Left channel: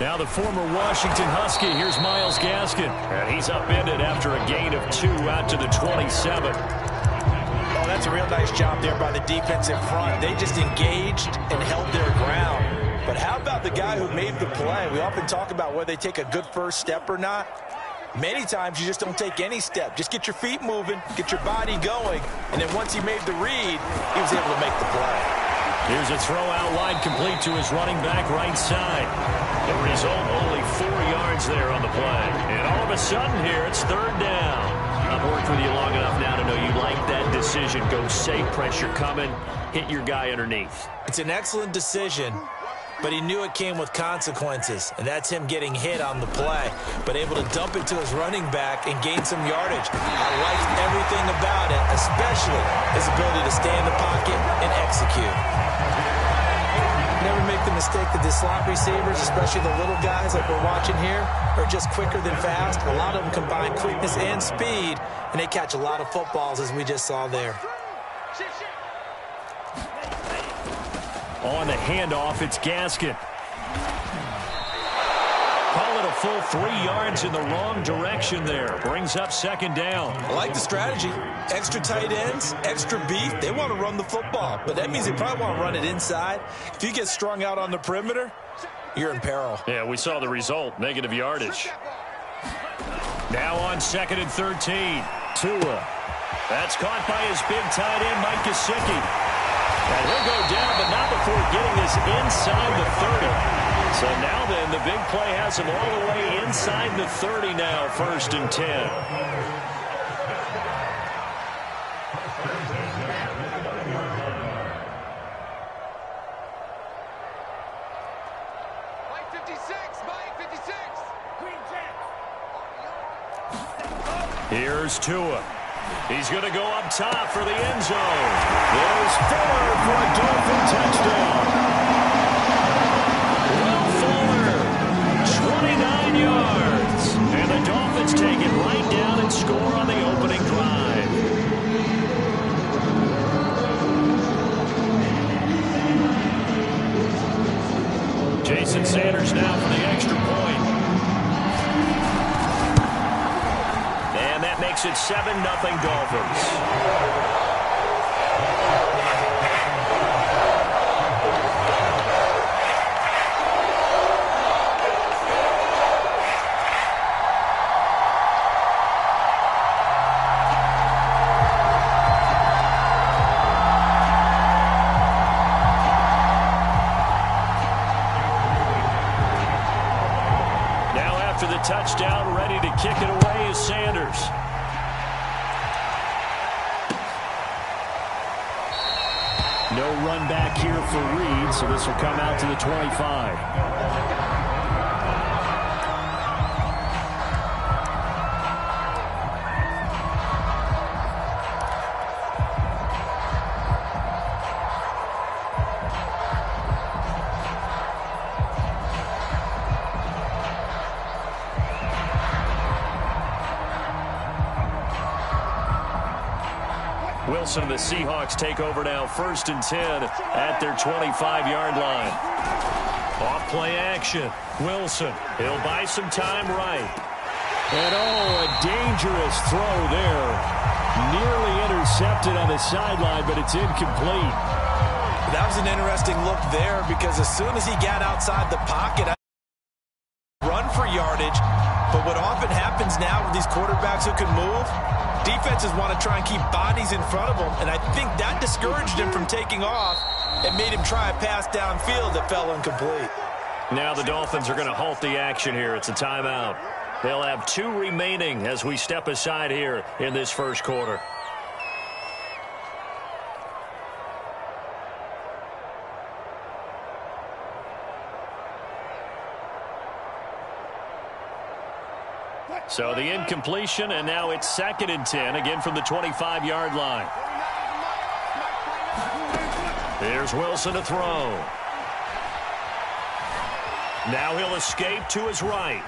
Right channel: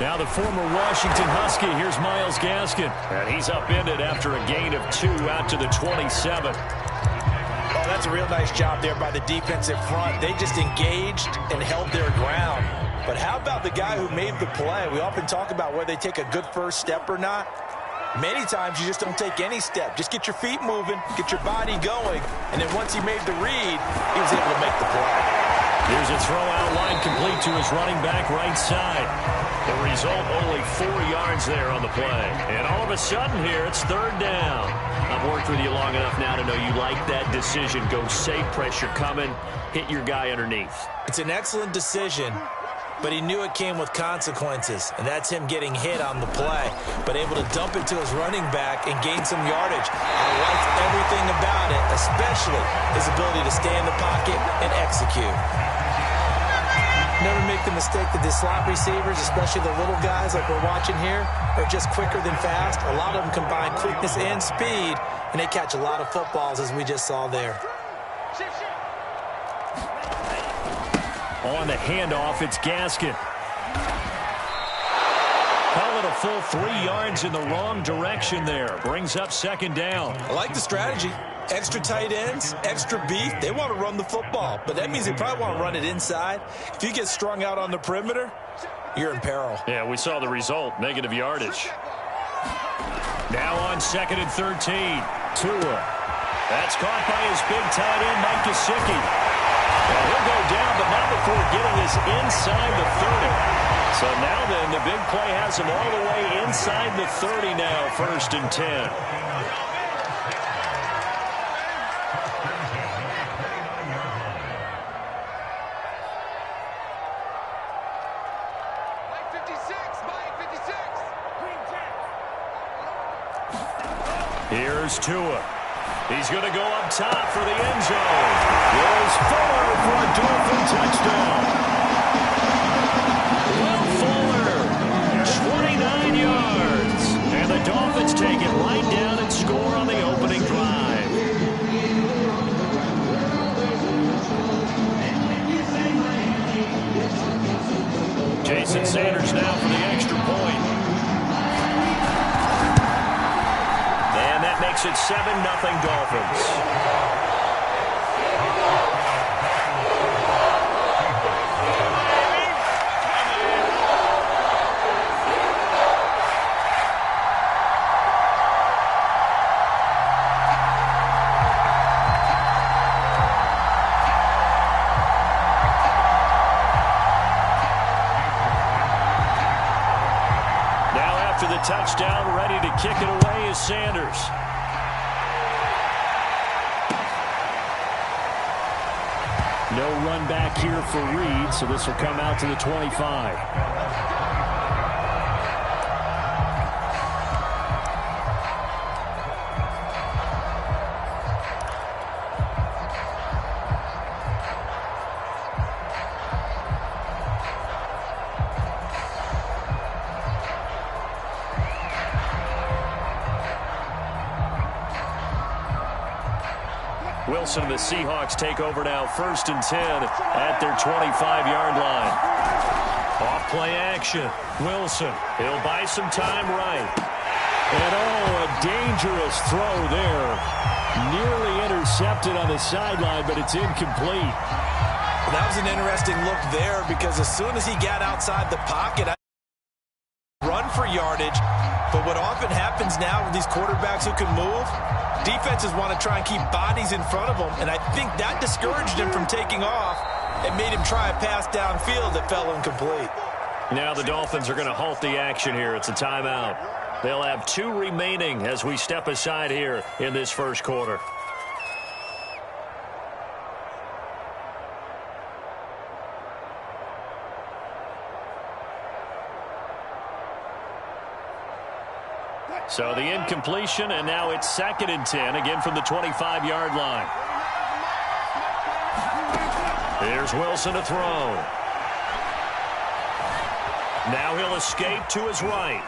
Now the former Washington Husky, here's Myles Gaskin. And he's upended after a gain of 2 out to the 27. Oh, that's a real nice job there by the defensive front. They just engaged and held their ground. But how about the guy who made the play? We often talk about whether they take a good first step or not. Many times you just don't take any step. Just get your feet moving, get your body going, and then once he made the read, he was able to make the play. Here's a throw out wide, complete to his running back right side. The result, only 4 yards there on the play. And all of a sudden here, it's 3rd down. I've worked with you long enough now to know you like that decision. Go safe, pressure coming, hit your guy underneath. It's an excellent decision, but he knew it came with consequences, and that's him getting hit on the play, but able to dump it to his running back and gain some yardage. I liked everything about it, especially his ability to stay in the pocket and execute. Never make the mistake that the slot receivers, especially the little guys like we're watching here, are just quicker than fast. A lot of them combine quickness and speed, and they catch a lot of footballs, as we just saw there. On the handoff, it's Gaskin. Call it a full 3 yards in the wrong direction there. Brings up 2nd down. I like the strategy. Extra tight ends, extra beef. They want to run the football, but that means they probably want to run it inside. If you get strung out on the perimeter, you're in peril. Yeah, we saw the result. Negative yardage. Now on 2nd and 13. Tua. That's caught by his big tight end, Mike Gesicki. And he'll go down, but not before getting this inside the 30. So now then, the big play has him all the way inside the 30 now, 1st and 10. Here's Tua. He's going to go up top for the end zone. There's Fuller for a Dolphin touchdown. Will Fuller, 29 yards. And the Dolphins take it right down and score on the opening drive. Jason Sanders now for the extra point. And that makes it 7-0 Dolphins. Now after the touchdown, ready to kick it away is Sanders. No run back here for Reed, so this will come out to the 25. Wilson and the Seahawks take over now, 1st and 10 at their 25-yard line. Off play action. Wilson, he'll buy some time right. And oh, a dangerous throw there. Nearly intercepted on the sideline, but it's incomplete. That was an interesting look there because as soon as he got outside the pocket, run for yardage. But what often happens now with these quarterbacks who can move, defenses want to try and keep bodies in front of them, and I think that discouraged him from taking off and made him try a pass downfield that fell incomplete. Now the Dolphins are going to halt the action here. It's a timeout. They'll have 2 remaining as we step aside here in this first quarter. So the incompletion, and now it's 2nd and 10, again from the 25-yard line. Here's Wilson to throw. Now he'll escape to his right.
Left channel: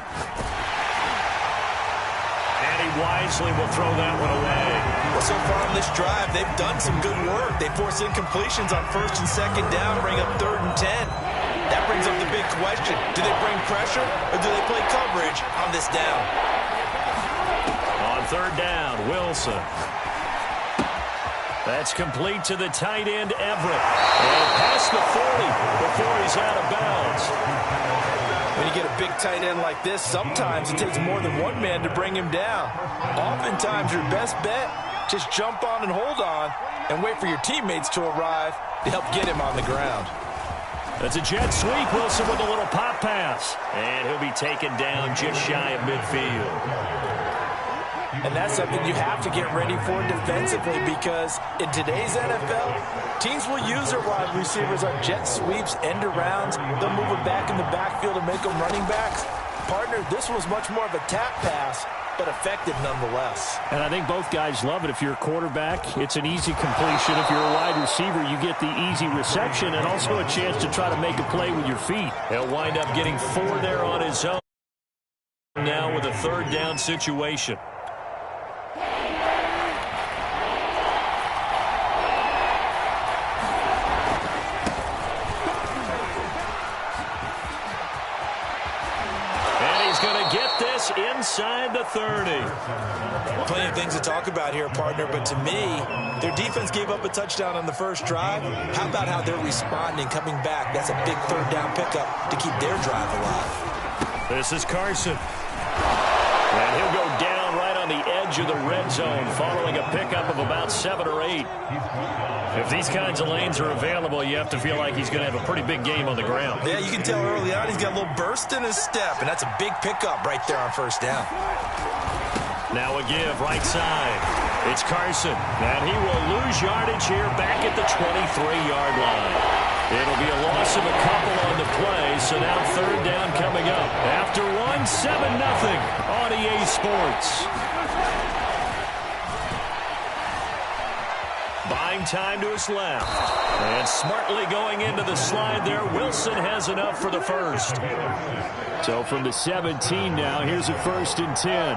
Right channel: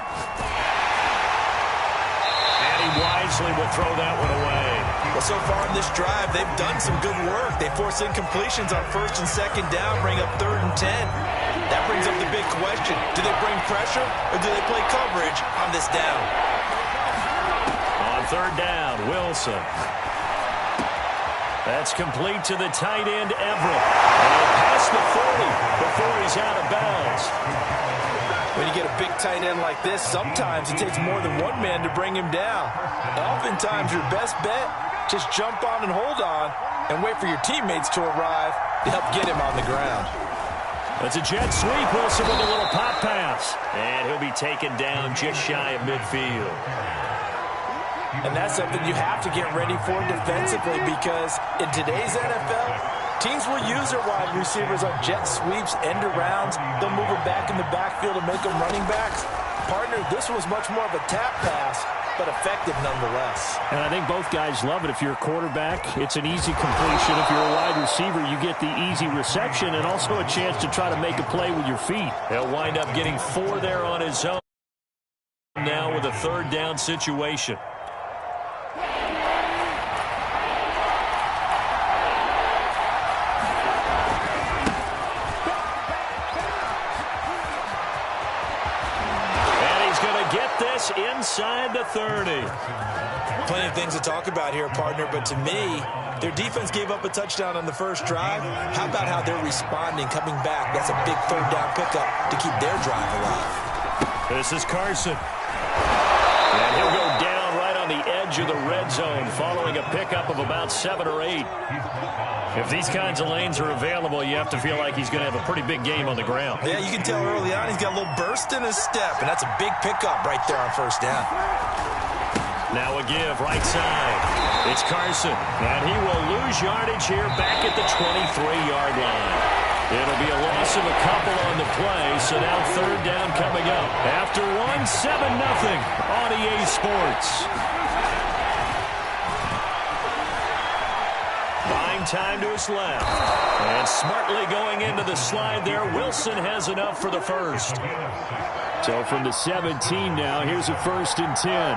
And he wisely will throw that one away. Well, so far on this drive, they've done some good work. They force incompletions on 1st and 2nd down, bring up 3rd and 10. That brings up the big question. Do they bring pressure or do they play coverage on this down? On 3rd down, Wilson. That's complete to the tight end, Everett. And past the 40 before he's out of bounds. When you get a big tight end like this, sometimes it takes more than one man to bring him down. Oftentimes, your best bet, just jump on and hold on and wait for your teammates to arrive to help get him on the ground. That's a jet sweep. Wilson with a little pop pass. And he'll be taken down just shy of midfield. And that's something you have to get ready for defensively because in today's NFL, teams will use their wide receivers on jet sweeps, end arounds. They'll move them back in the backfield and make them running backs. Partner, this was much more of a tap pass, but effective nonetheless. And I think both guys love it. If you're a quarterback, it's an easy completion. If you're a wide receiver, you get the easy reception and also a chance to try to make a play with your feet. He'll wind up getting 4 there on his own now with a 3rd down situation. Get this inside the 30. Plenty of things to talk about here, partner, but to me, their defense gave up a touchdown on the first drive. How about how they're responding, coming back? That's a big 3rd down pickup to keep their drive alive. This is Carson. And he'll go down right on the edge of the red zone following a pickup of about 7 or 8. If these kinds of lanes are available, you have to feel like he's going to have a pretty big game on the ground. Yeah, you can tell early on he's got a little burst in his step, and that's a big pickup right there on 1st down. Now a give right side. It's Carson, and he will lose yardage here back at the 23-yard line. It'll be a loss of a couple on the play, so now 3rd down coming up. After 7-0 on EA Sports. Buying time to his left. And smartly going into the slide there, Wilson has enough for the 1st. So from the 17 now, here's a 1st and 10.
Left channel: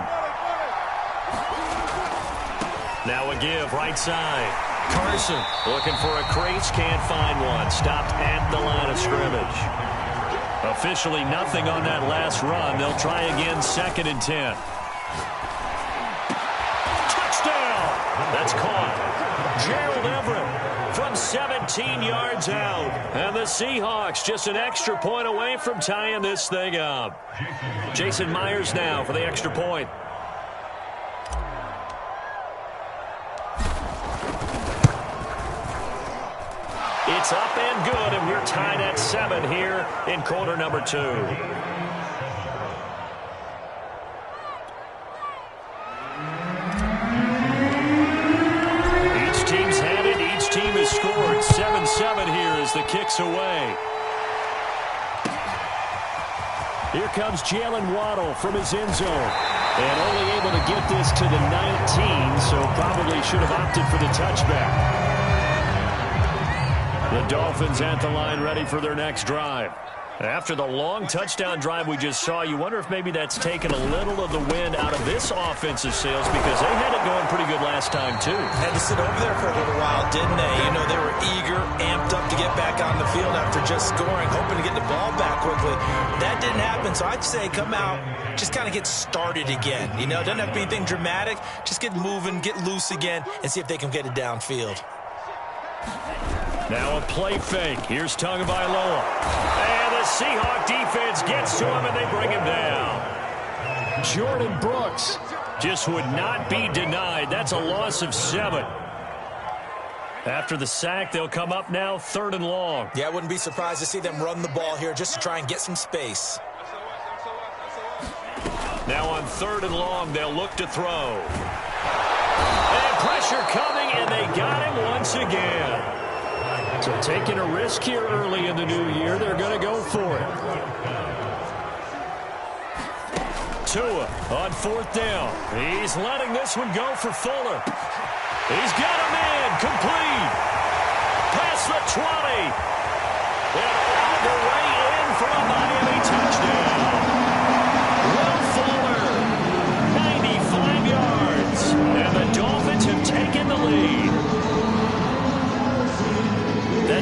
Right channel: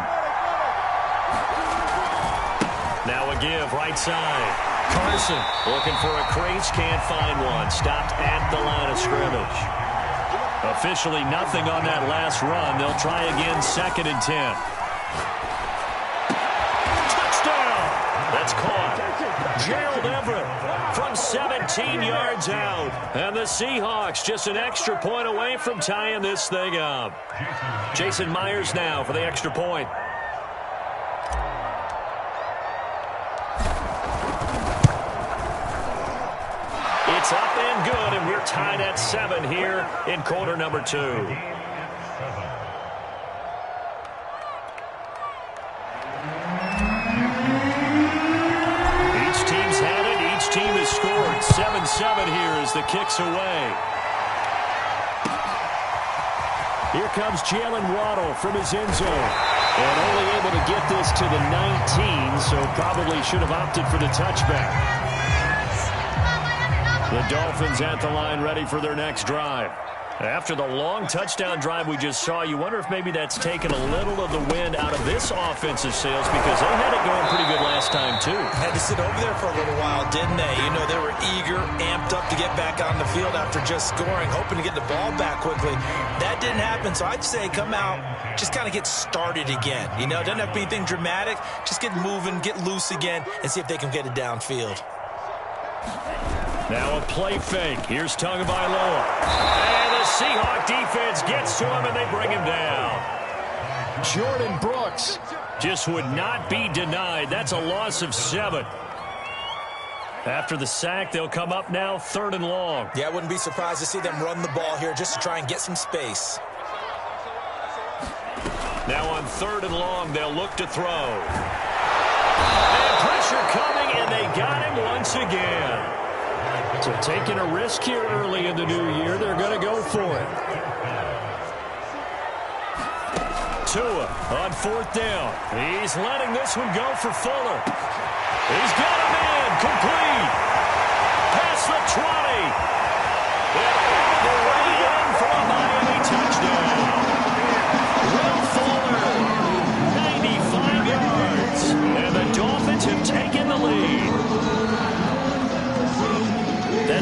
Now a give right side. Carson looking for a crease, can't find one. Stopped at the line of scrimmage. Officially nothing on that last run. They'll try again 2nd and 10. Touchdown! That's caught. Gerald Everett from 17 yards out. And the Seahawks just an extra point away from tying this thing up. Jason Myers now for the extra point. It's up and good, and we're tied at 7 here in quarter number 2. Each team's had it. Each team has scored. 7-7 here as the kick's away. Here comes Jalen Waddle from his end zone. And only able to get this to the 19, so probably should have opted for the touchback. The Dolphins at the line ready for their next drive. After the long touchdown drive we just saw, you wonder if maybe that's taken a little of the wind out of this offensive sails because they had it going pretty good last time, too. Had to sit over there for a little while, didn't they? You know, they were eager, amped up to get back on the field after just scoring, hoping to get the ball back quickly. That didn't happen, so I'd say come out, just kind of get started again. You know, it doesn't have to be anything dramatic. Just get moving, get loose again, and see if they can get it downfield. Now a play fake. Here's Tagovailoa. And the Seahawk defense gets to him, and they bring him down. Jordan Brooks just would not be denied. That's a loss of 7. After the sack, they'll come up now 3rd and long. Yeah, I wouldn't be surprised to see them run the ball here just to try and get some space. Now on 3rd and long, they'll look to throw. And pressure coming, and they got him once again. So taking a risk here early in the new year, they're going to go for it. Tua on 4th down. He's letting this one go for Fuller. He's got a man complete. Past the 20. And all the way in for a Miami touchdown. Will Fuller, 95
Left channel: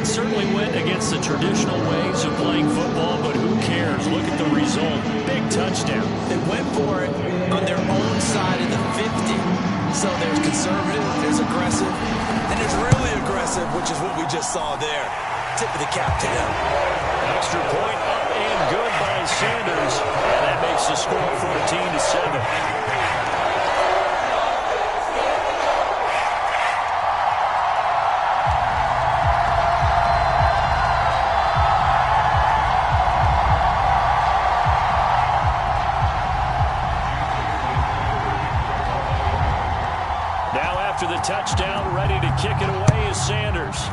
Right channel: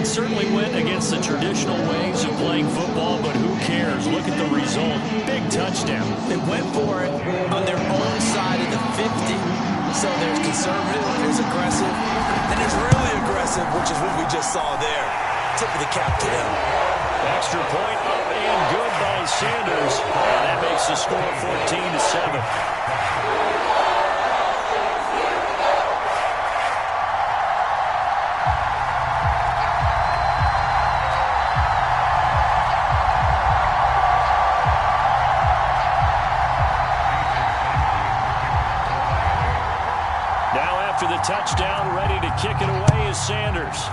It certainly went against the traditional ways of playing football, but who cares? Look at the result. Big touchdown. They went for it on their own side of the 50. So there's conservative, there's aggressive, and there's really aggressive, which is what we just saw there. Tip of the cap to them. Extra point up and good by Sanders. And that makes the score 14-7. Now after the touchdown, ready to kick it away is Sanders.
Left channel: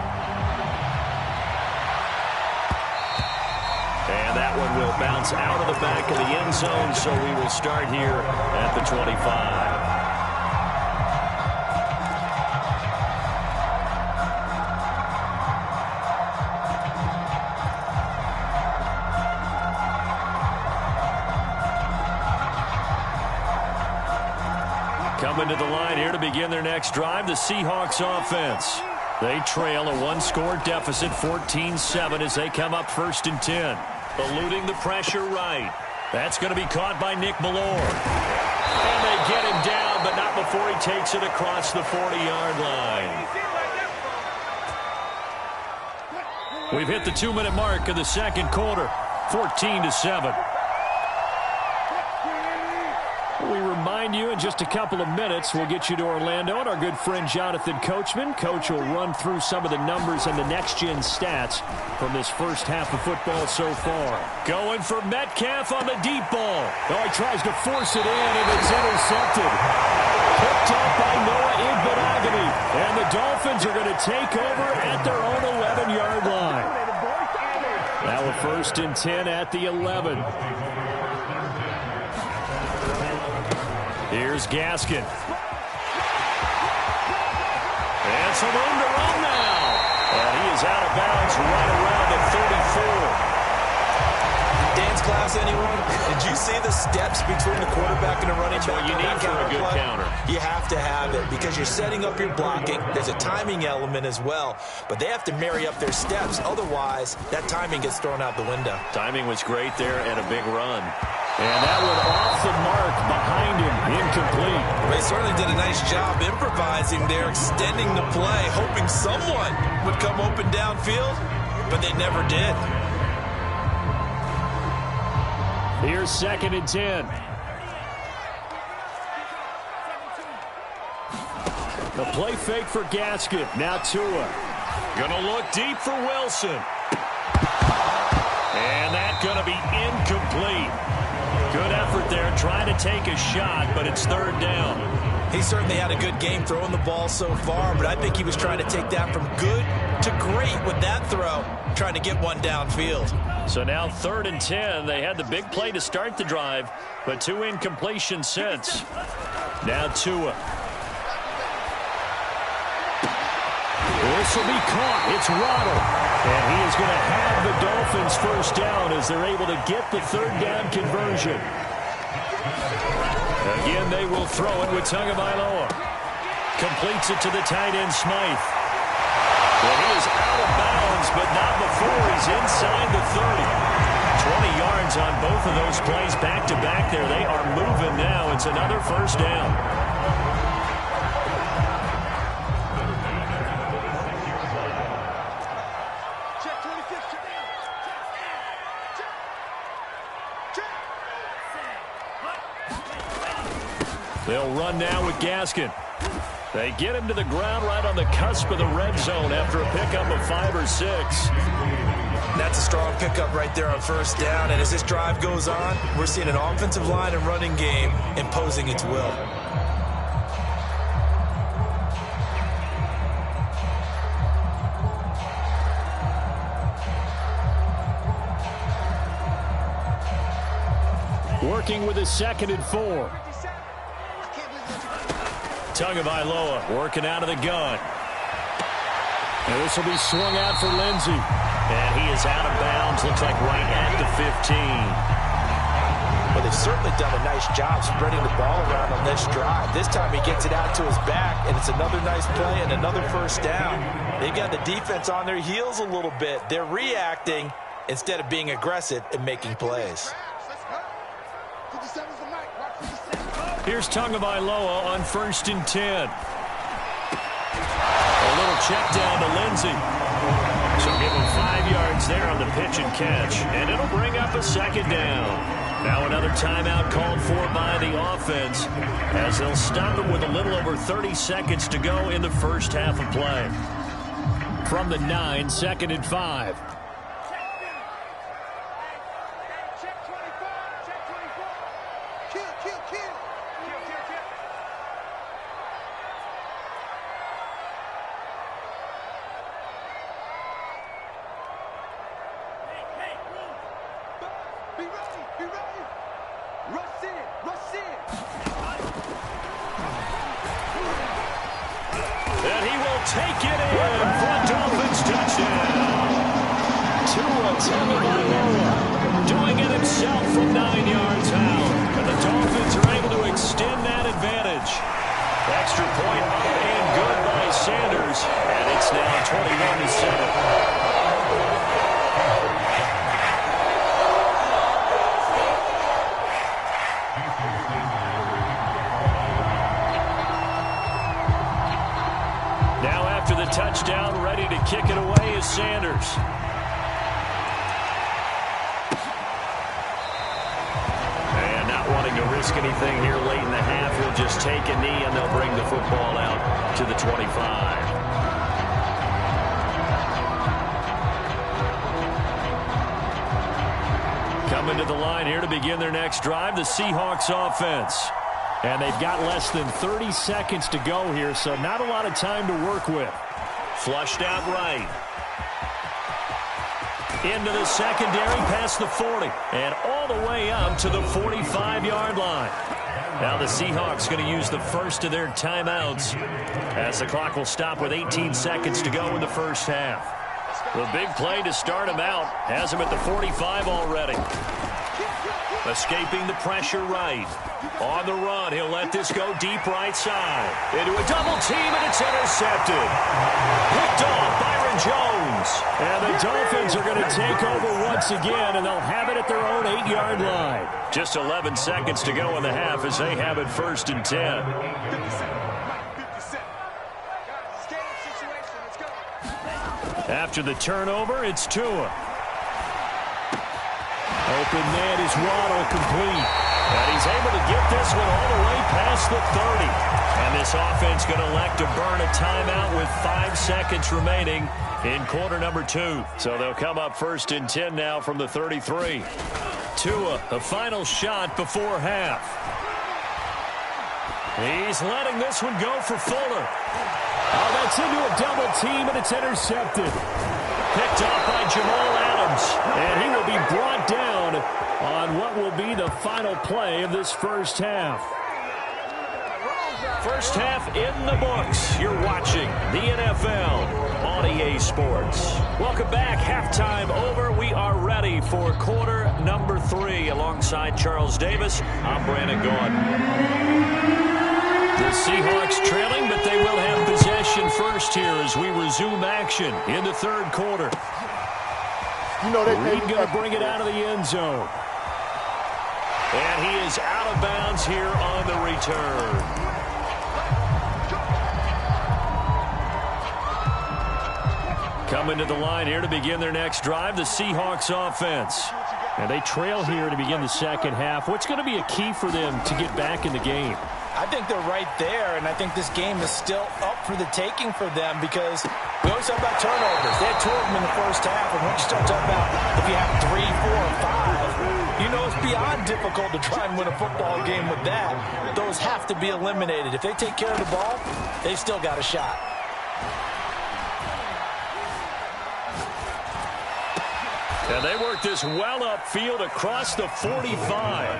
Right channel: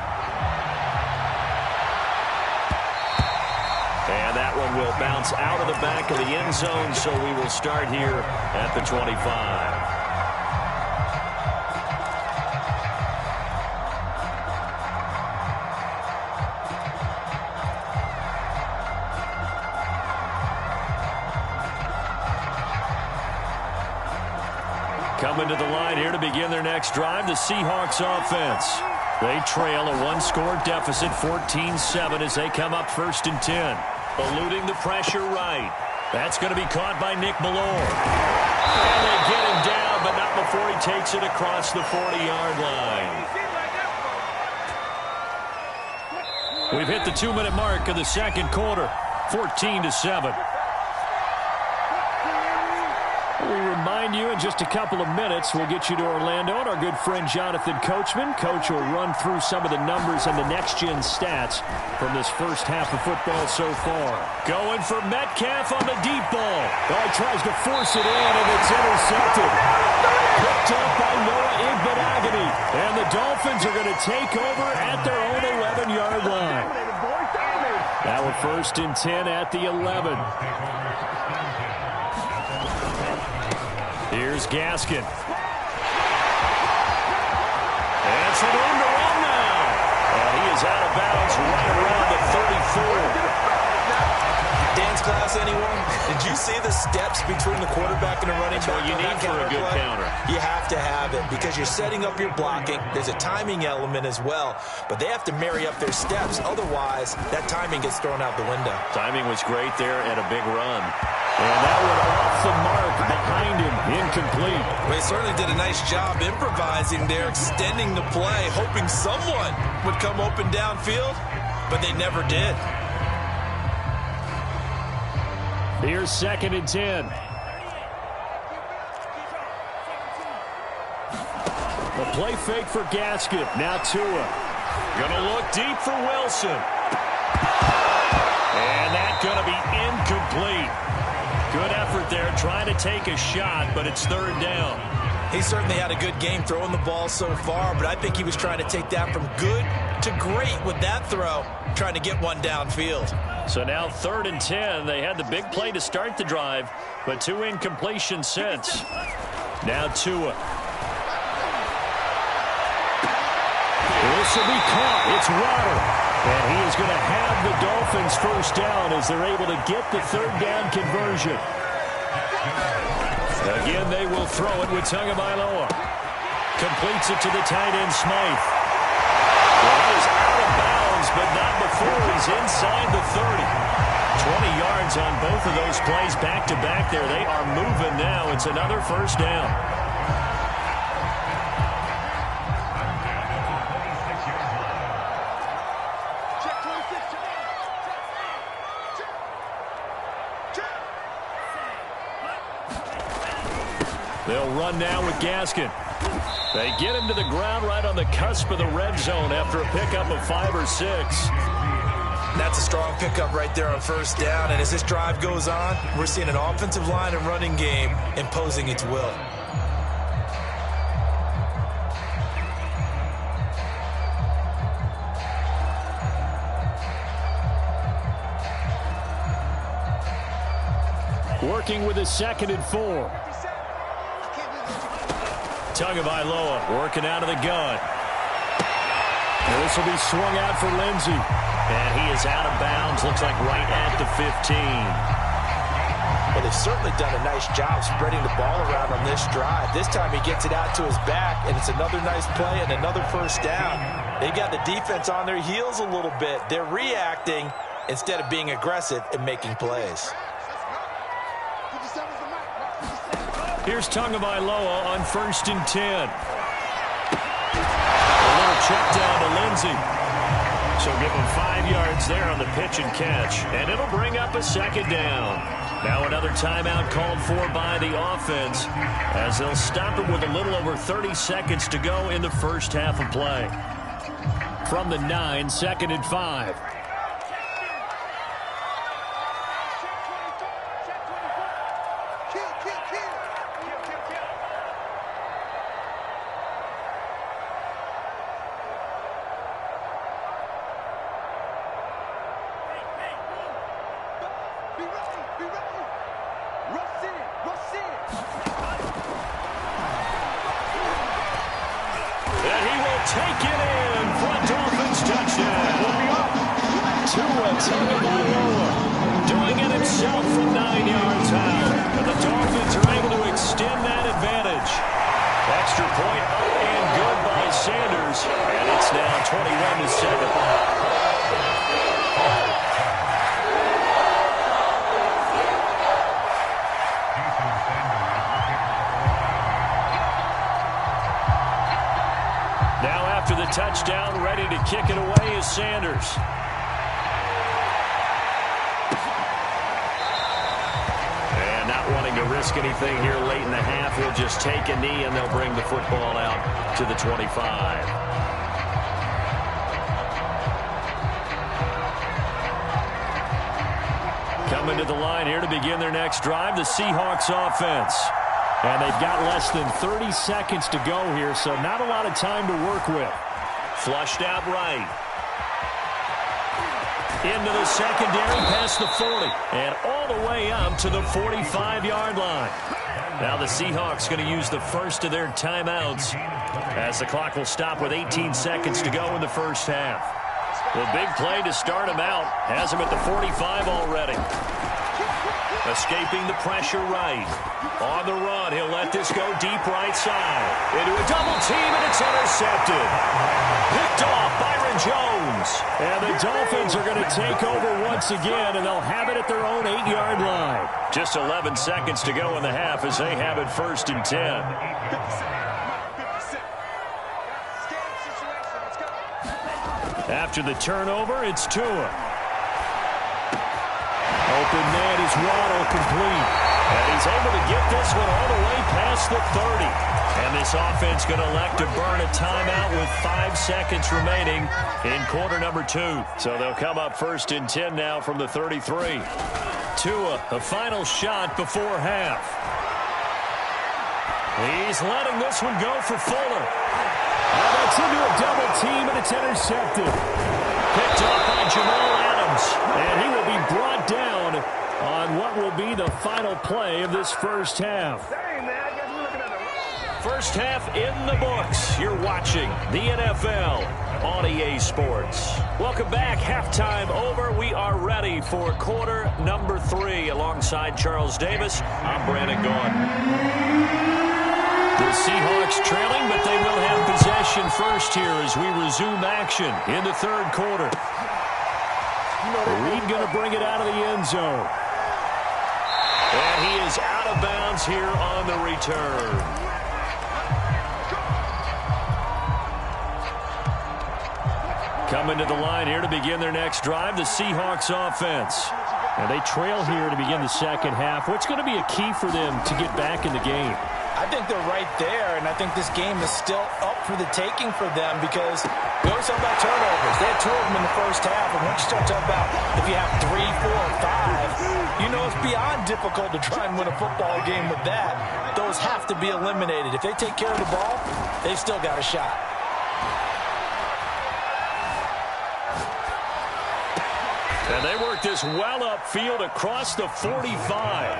And that one will bounce out of the back of the end zone, so we will start here at the 25. Coming to the line here to begin their next drive, the Seahawks offense. They trail a one-score deficit, 14-7, as they come up 1st and 10. Eluding the pressure right. That's going to be caught by Nick Ballore. And they get him down, but not before he takes it across the 40-yard line. We've hit the 2-minute mark of the second quarter, 14-7. We remind you in just a couple of minutes, we'll get you to Orlando and our good friend Jonathan Coachman. Coach will run through some of the numbers and the next-gen stats from this first half of football so far. Going for Metcalf on the deep ball. Oh, he tries to force it in, and it's intercepted. Picked up by Noah Igbenogany. And the Dolphins are going to take over at their own 11-yard line. Now a 1st and 10 at the 11. Here's Gaskin. And some room to run now. And he is out of bounds right around the 34. Dance class, anyone? Did you see the steps between the quarterback and the running back? That's what you need for a good counter. You have to have it because you're setting up your blocking. There's a timing element as well, but they have to marry up their steps. Otherwise, that timing gets thrown out the window. Timing was great there and a big run. And that one off the mark behind him, incomplete. They certainly did a nice job improvising there, extending the play, hoping someone would come open downfield, but they never did. Here's 2nd and 10. The play fake for Gaskin. Now Tua. Gonna look deep for Wilson. And that's gonna be incomplete. Good effort there, trying to take a shot, but it's 3rd down. He certainly had a good game throwing the ball so far, but I think he was trying to take that from good to great with that throw, trying to get one downfield. So now 3rd and 10. They had the big play to start the drive, but 2 incompletions since. Now Tua. This will be caught. It's Waddle. And he is going to have the Dolphins 1st down as they're able to get the 3rd down conversion. Again, they will throw it with Tagovailoa. Completes it to the tight end, Smythe. Well, he is out of bounds, but not before he's inside the 30. 20 yards on both of those plays back-to-back there. They are moving now. It's another 1st down. They'll run now with Gaskin. They get him to the ground right on the cusp of the red zone after a pickup of 5 or 6. That's a strong pickup right there on 1st down. And as this drive goes on, we're seeing an offensive line and running game imposing its will. Working with a 2nd and 4. Tagovailoa working out of the gun. And this will be swung out for Lindsey. And he is out of bounds, looks like right at the 15. Well, they've certainly done a nice job spreading the ball around on this drive. This time he gets it out to his back, and it's another nice play and another first down. They've got the defense on their heels a little bit. They're reacting instead of being aggressive and making plays. Here's Tagovailoa on 1st and 10. A little check down to Lindsey. So give him 5 yards there on the pitch and catch. And it'll bring up a 2nd down. Now another timeout called for by the offense as they'll stop it with a little over 30 seconds to go in the first half of play. From the 9, 2nd and 5. And he will take it in for a Dolphins touchdown. Tua Tagovailoa doing it himself from 9 yards out. And the Dolphins are able to extend that advantage. Extra point up and good by Sanders. And it's now 21-7. Now after the touchdown, ready to kick it away is Sanders. And not wanting to risk anything here late in the half, he'll just take a knee and they'll bring the football out to the 25. Coming to the line here to begin their next drive, the Seahawks offense. And they've got less than 30 seconds to go here, so not a lot of time to work with. Flushed out right. Into the secondary, past the 40. And all the way up to the 45-yard line. Now the Seahawks going to use the first of their timeouts as the clock will stop with 18 seconds to go in the first half. The big play to start him out has him at the 45 already. Escaping the pressure right. On the run, he'll let this go deep right side. Into a double team, and it's intercepted. Picked off Byron Jones. And the Dolphins are going to take over once again, and they'll have it at their own 8-yard line. Just 11 seconds to go in the half as they have it 1st and 10. After the turnover, it's Tua. Open man is Waddle, complete. And he's able to get this one all the way past the 30. And this offense going to elect to burn a timeout with 5 seconds remaining in quarter number 2. So they'll come up 1st and 10 now from the 33. Tua, a final shot before half. He's letting this one go for Fuller. Oh, that's into a double team, and it's intercepted. Picked off by Jamal Adams, and he will be brought down on what will be the final play of this first half. First half in the books. You're watching the NFL on EA Sports. Welcome back. Halftime over. We are ready for quarter number 3. Alongside Charles Davis, I'm Brandon Gordon. The Seahawks trailing, but they will have possession first here as we resume action in the third quarter. Reed going to bring it out of the end zone. And he is out of bounds here on the return. Coming to the line here to begin their next drive, the Seahawks offense. And they trail here to begin the second half. What's going to be a key for them to get back in the game? I think they're right there, and I think this game is still up for the taking for them because we always talk about turnovers. They had 2 of them in the first half, and once you start talking about if you have 3, 4, 5, you know it's beyond difficult to try and win a football game with that. Those have to be eliminated. If they take care of the ball, they've still got a shot. And they work this well upfield across the 45.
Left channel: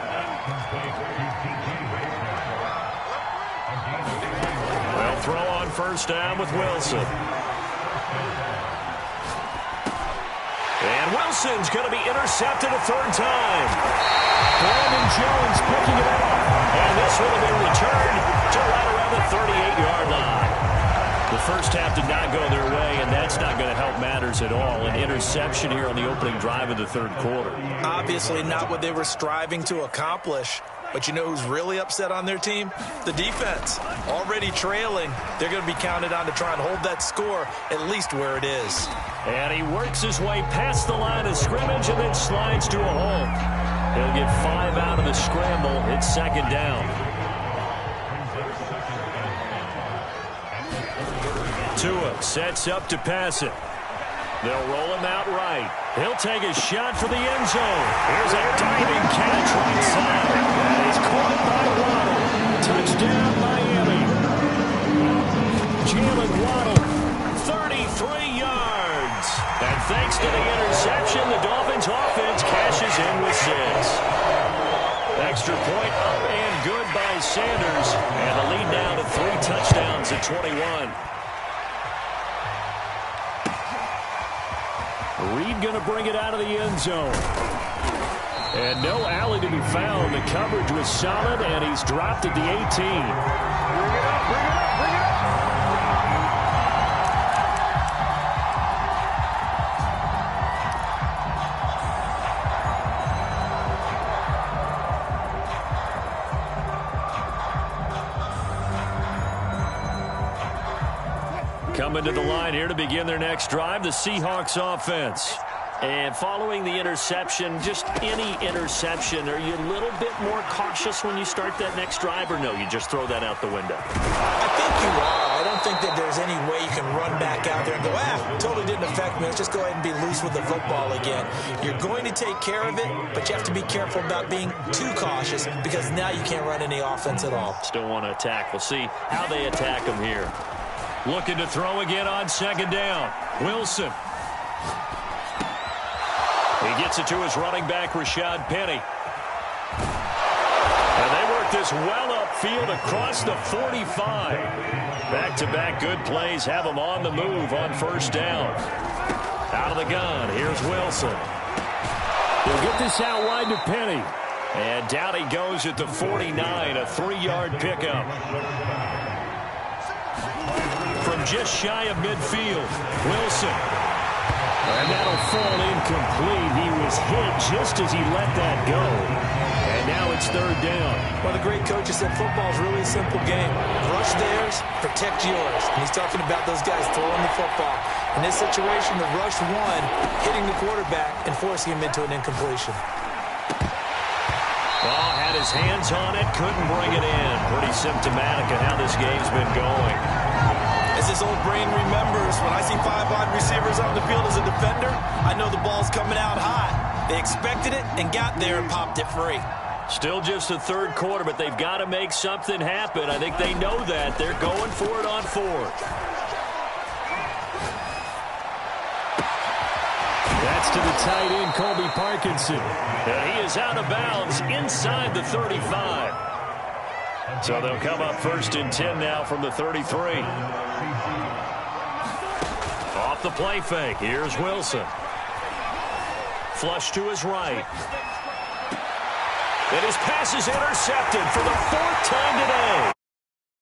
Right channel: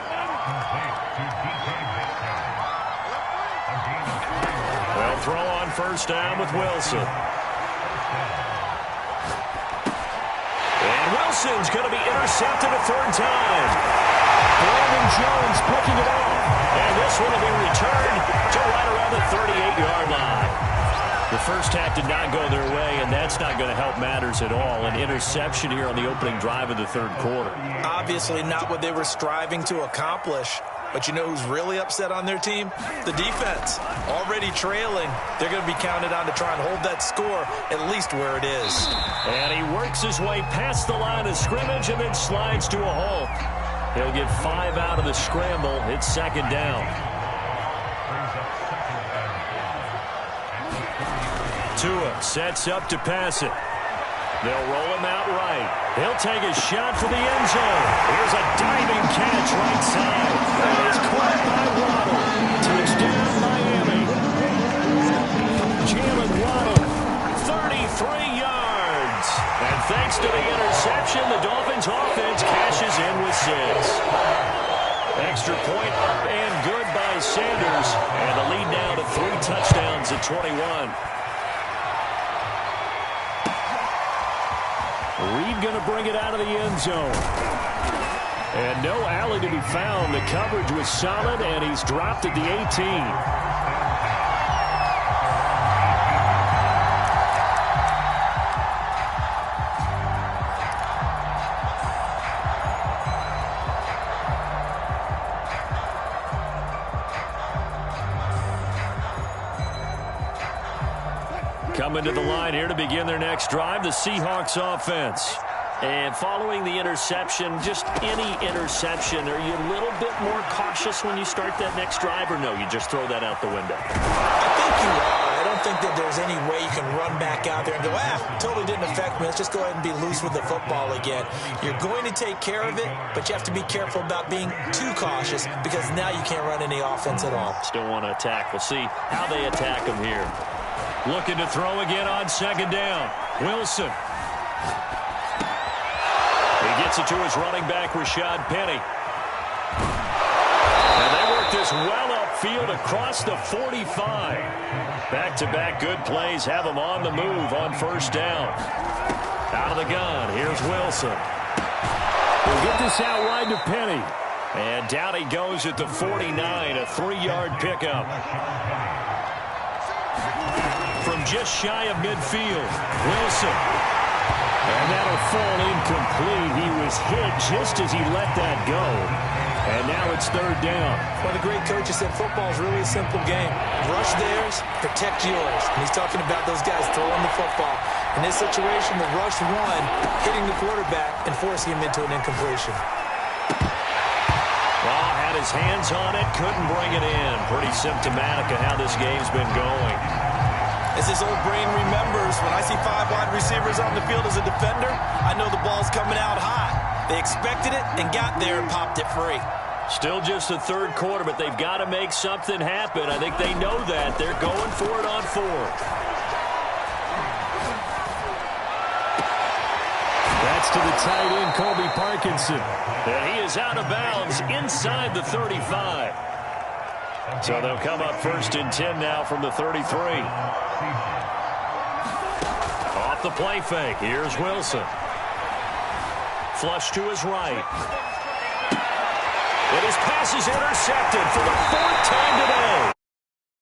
They'll throw on first down with Wilson. And Wilson's going to be intercepted a third time. Brandon Jones picking it off. And this one will be returned to right around the 38-yard line. The first half did not go their way, and that's not going to help matters at all. An interception here on the opening drive of the third quarter. Obviously not what they were striving to accomplish. But you know who's really upset on their team? The defense. Already trailing. They're going to be counted on to try and hold that score at least where it is. And he works his way past the line of scrimmage and then slides to a halt. He'll get 5 out of the scramble. It's second down. Tua sets up to pass it. They'll roll him out right. He'll take a shot for the end zone. Here's a diving catch right side. That is caught by Waddle. Touchdown, Miami. Jalen Waddle, 33 yards. And thanks to the interception, the Dolphins offense cashes in with 6. Extra point up and good by Sanders. And the lead now to 3 touchdowns at 21. Reed going to bring it out of the end zone. And no alley to be found. The coverage was solid, and he's dropped at the 18. Coming to the line here to begin their next drive, the Seahawks offense. And following the interception, just any interception, are you a little bit more cautious when you start that next drive, or no, you just throw that out the window? I think you are. I don't think that there's any way you can run back out there and go, totally didn't affect me. Let's just go ahead and be loose with the football again. You're going to take care of it, but you have to be careful about being too cautious because now you can't run any offense at all. Still want to attack. We'll see how they attack them here. Looking to throw again on second down. Wilson. He gets it to his running back, Rashad Penny. And they work this well upfield across the 45. Back-to-back good plays have them on the move on first down. Out of the gun, here's Wilson. He'll get this out wide to Penny. And down he goes at the 49, a 3-yard pickup. From just shy of midfield, Wilson. And that'll fall incomplete. He was hit just as he let that go. And now it's third down. Well, the great coach has said football is really a simple game. Rush theirs, protect yours. And he's talking about those guys throwing the football. In this situation, the rush one, hitting the quarterback and forcing him into an incompletion. Well, had his hands on it, couldn't bring it in. Pretty symptomatic of how this game's been going. As this old brain remembers, when I see 5 wide receivers on the field as a defender, I know the ball's coming out hot. They expected it and got there and popped it free. Still just the third quarter, but they've got to make something happen. I think they know that. They're going for it on fourth. That's to the tight end, Colby Parkinson. And he is out of bounds inside the 35. So they'll come up first and 10 now from the 33. Off the play fake. Here's Wilson. Flush to his right. And his pass is intercepted for the 4th time today.